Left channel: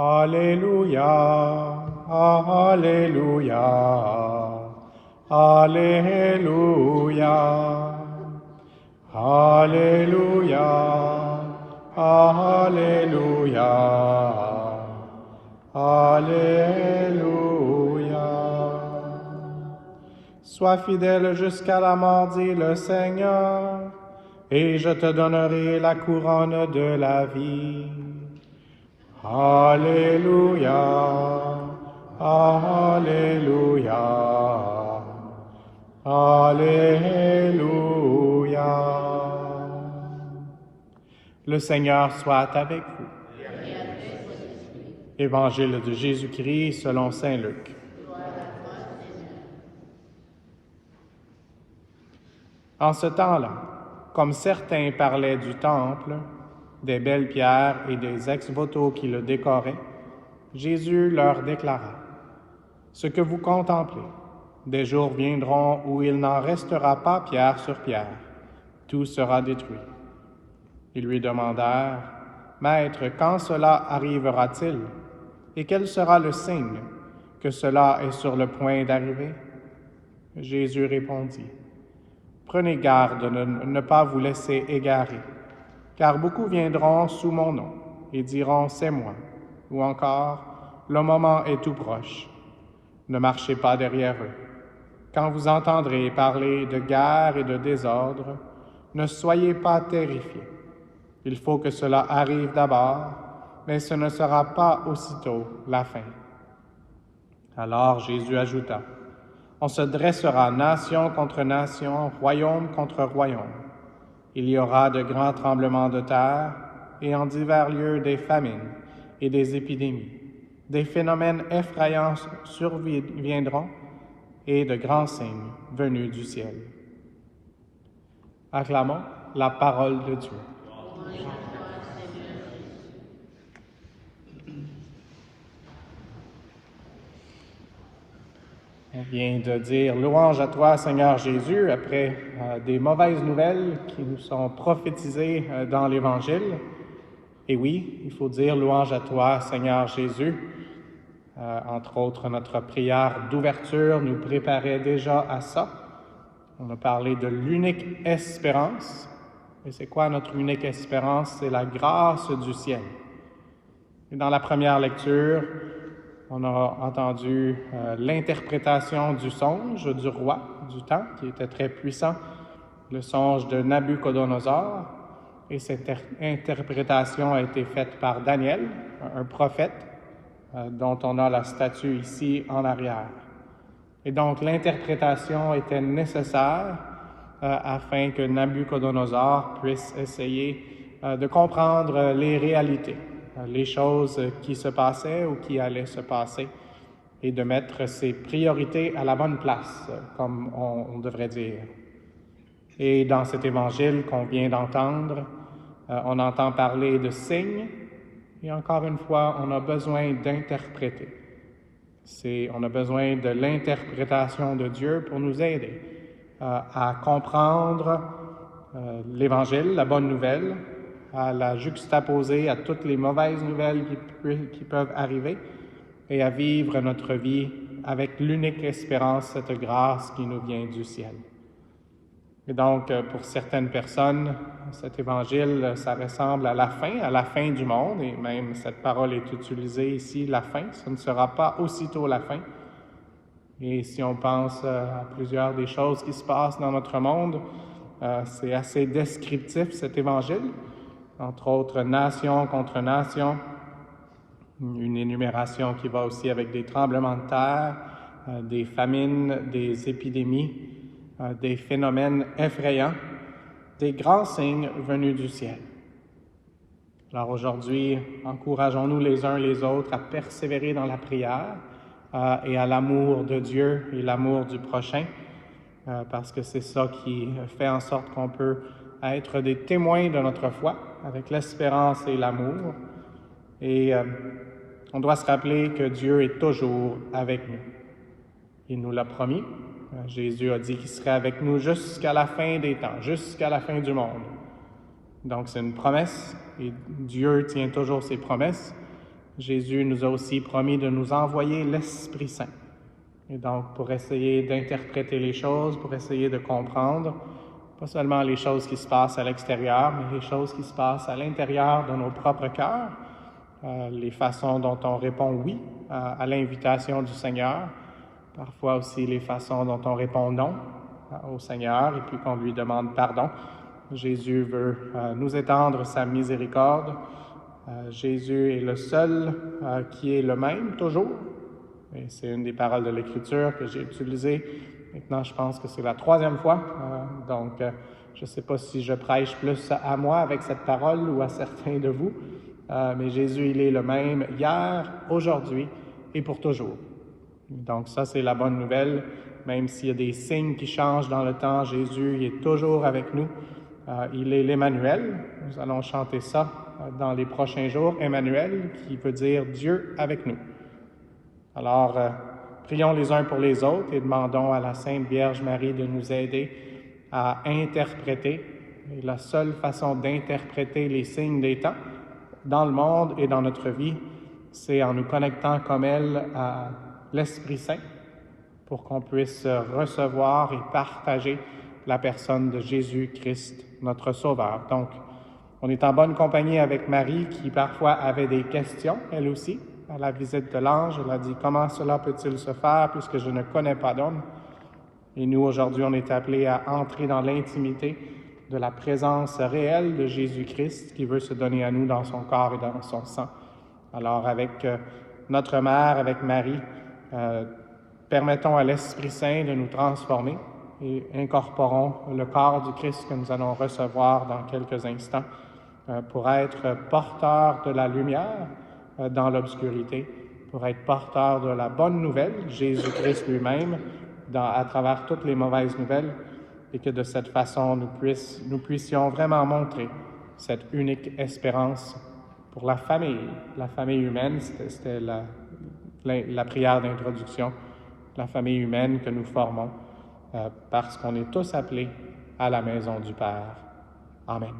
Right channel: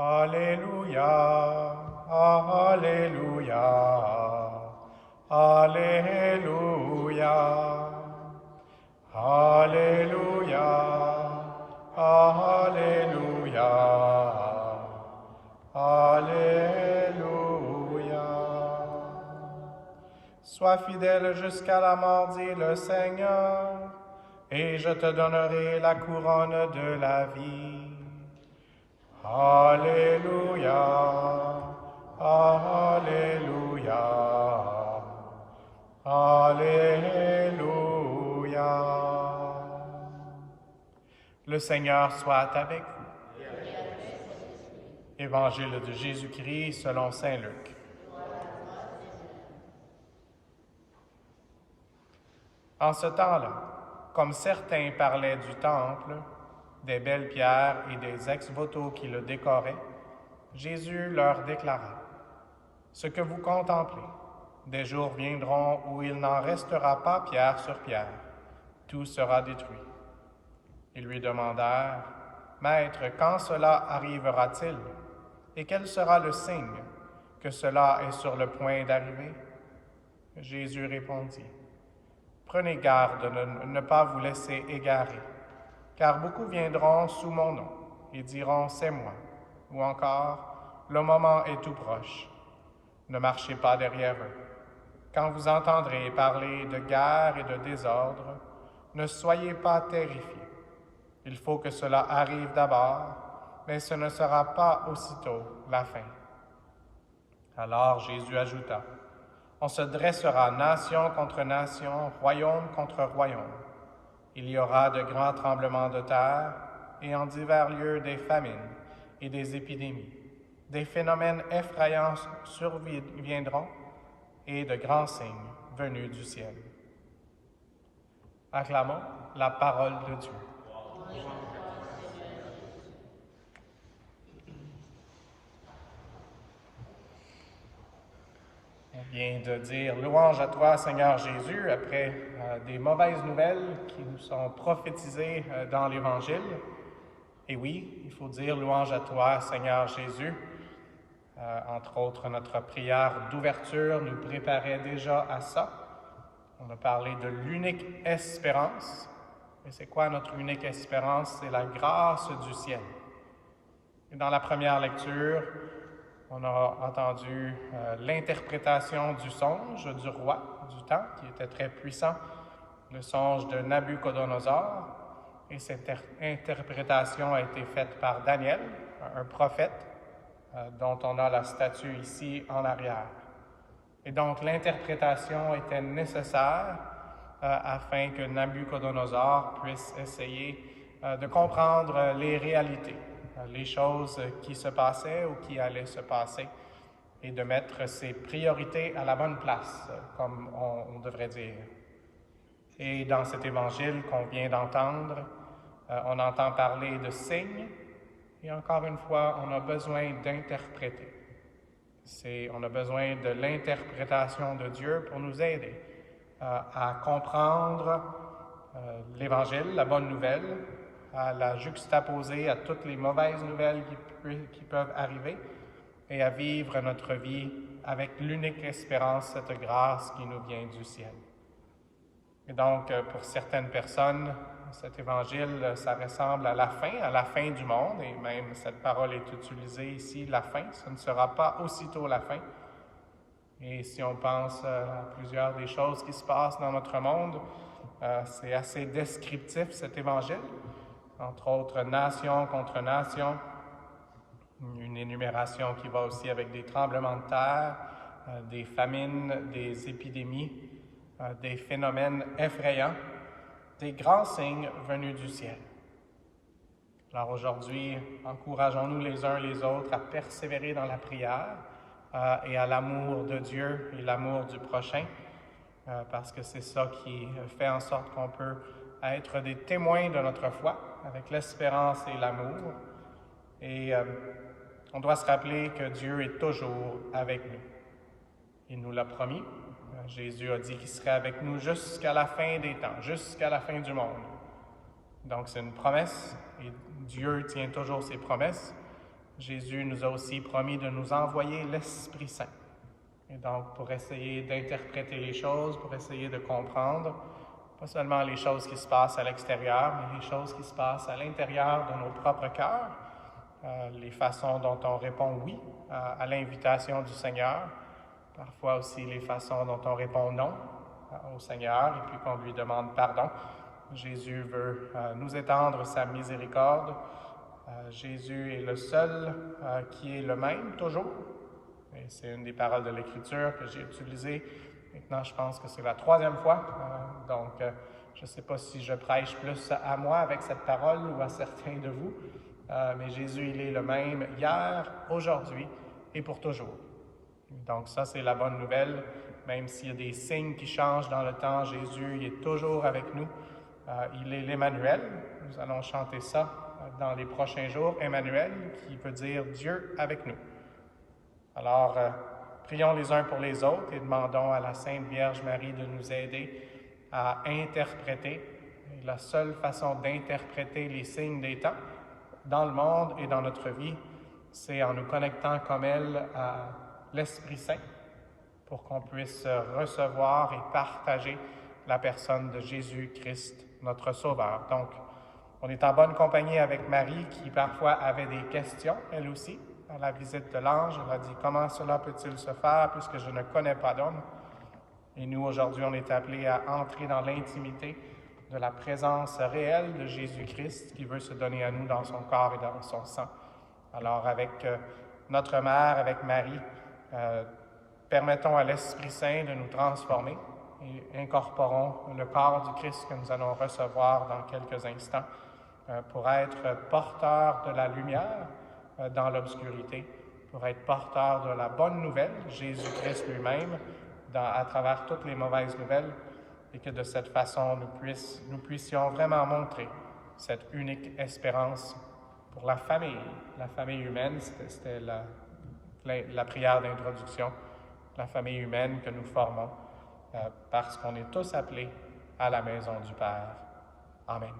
Alléluia, Alléluia, Alléluia, Alléluia, Alléluia, Alléluia. Sois fidèle jusqu'à la mort, dit le Seigneur, et je te donnerai la couronne de la vie. Alléluia, Alléluia, Alléluia. Le Seigneur soit avec vous. Évangile de Jésus-Christ selon saint Luc. En ce temps-là, comme certains parlaient du temple, des belles pierres et des ex-voto qui le décoraient, Jésus leur déclara: « Ce que vous contemplez, des jours viendront où il n'en restera pas pierre sur pierre, tout sera détruit. » Ils lui demandèrent: « Maître, quand cela arrivera-t-il? Et quel sera le signe que cela est sur le point d'arriver? » Jésus répondit: « Prenez garde de ne pas vous laisser égarer, car beaucoup viendront sous mon nom et diront: c'est moi, ou encore: le moment est tout proche. Ne marchez pas derrière eux. Quand vous entendrez parler de guerre et de désordre, ne soyez pas terrifiés. Il faut que cela arrive d'abord, mais ce ne sera pas aussitôt la fin. » Alors Jésus ajouta: « On se dressera nation contre nation, royaume contre royaume. Il y aura de grands tremblements de terre et en divers lieux des famines et des épidémies. Des phénomènes effrayants surviendront et de grands signes venus du ciel. » Acclamons la parole de Dieu. On vient de dire louange à toi, Seigneur Jésus, après des mauvaises nouvelles qui nous sont prophétisées dans l'Évangile. Et oui, il faut dire louange à toi, Seigneur Jésus. Entre autres, notre prière d'ouverture nous préparait déjà à ça. On a parlé de l'unique espérance. Et c'est quoi notre unique espérance? C'est la grâce du ciel. Et dans la première lecture, on a entendu l'interprétation du songe du roi du temps, qui était très puissant, le songe de Nabuchodonosor. Et cette interprétation a été faite par Daniel, un prophète, dont on a la statue ici en arrière. Et donc l'interprétation était nécessaire afin que Nabuchodonosor puisse essayer de comprendre les réalités, les choses qui se passaient ou qui allaient se passer, et de mettre ses priorités à la bonne place, comme on devrait dire. Et dans cet évangile qu'on vient d'entendre, on entend parler de signes, et encore une fois, on a besoin d'interpréter. On a besoin de l'interprétation de Dieu pour nous aider à comprendre l'Évangile, la bonne nouvelle, à la juxtaposer à toutes les mauvaises nouvelles qui peuvent arriver et à vivre notre vie avec l'unique espérance, cette grâce qui nous vient du ciel. Et donc, pour certaines personnes, cet évangile, ça ressemble à la fin du monde, et même cette parole est utilisée ici, la fin, ce ne sera pas aussitôt la fin. Et si on pense à plusieurs des choses qui se passent dans notre monde, c'est assez descriptif cet évangile, entre autres nation contre nation, une énumération qui va aussi avec des tremblements de terre, des famines, des épidémies, des phénomènes effrayants, des grands signes venus du ciel. Alors aujourd'hui, encourageons-nous les uns les autres à persévérer dans la prière et à l'amour de Dieu et l'amour du prochain, parce que c'est ça qui fait en sorte qu'on peut être des témoins de notre foi avec l'espérance et l'amour. Et on doit se rappeler que Dieu est toujours avec nous. Il nous l'a promis. Jésus a dit qu'il serait avec nous jusqu'à la fin des temps, jusqu'à la fin du monde. Donc c'est une promesse et Dieu tient toujours ses promesses. Jésus nous a aussi promis de nous envoyer l'Esprit Saint. Et donc, pour essayer d'interpréter les choses, pour essayer de comprendre, pas seulement les choses qui se passent à l'extérieur, mais les choses qui se passent à l'intérieur de nos propres cœurs, les façons dont on répond oui à l'invitation du Seigneur, parfois aussi les façons dont on répond non au Seigneur et puis qu'on lui demande pardon. Jésus veut nous étendre sa miséricorde. Jésus est le seul qui est le même toujours. Et c'est une des paroles de l'Écriture que j'ai utilisées. Maintenant, je pense que c'est la 3e fois. Donc, je ne sais pas si je prêche plus à moi avec cette parole ou à certains de vous. Mais Jésus, il est le même hier, aujourd'hui et pour toujours. Donc ça, c'est la bonne nouvelle. Même s'il y a des signes qui changent dans le temps, Jésus il est toujours avec nous. Il est l'Emmanuel. Nous allons chanter ça dans les prochains jours. Emmanuel, qui veut dire Dieu avec nous. Alors, prions les uns pour les autres et demandons à la Sainte Vierge Marie de nous aider à interpréter. Et la seule façon d'interpréter les signes des temps dans le monde et dans notre vie, c'est en nous connectant comme elle à l'Esprit Saint pour qu'on puisse recevoir et partager la personne de Jésus-Christ, notre Sauveur. Donc, on est en bonne compagnie avec Marie qui parfois avait des questions, elle aussi, à la visite de l'ange. Elle a dit « Comment cela peut-il se faire puisque je ne connais pas d'homme? » Et nous, aujourd'hui, on est appelés à entrer dans l'intimité de la présence réelle de Jésus-Christ qui veut se donner à nous dans son corps et dans son sang. Alors, avec notre Mère, avec Marie, permettons à l'Esprit Saint de nous transformer et incorporons le corps du Christ que nous allons recevoir dans quelques instants pour être porteurs de la lumière dans l'obscurité, pour être porteurs de la bonne nouvelle, Jésus-Christ lui-même, à travers toutes les mauvaises nouvelles, et que de cette façon, nous puissions vraiment montrer cette unique espérance pour la famille humaine. C'était la prière d'introduction, la famille humaine que nous formons, parce qu'on est tous appelés à la maison du Père. Amen.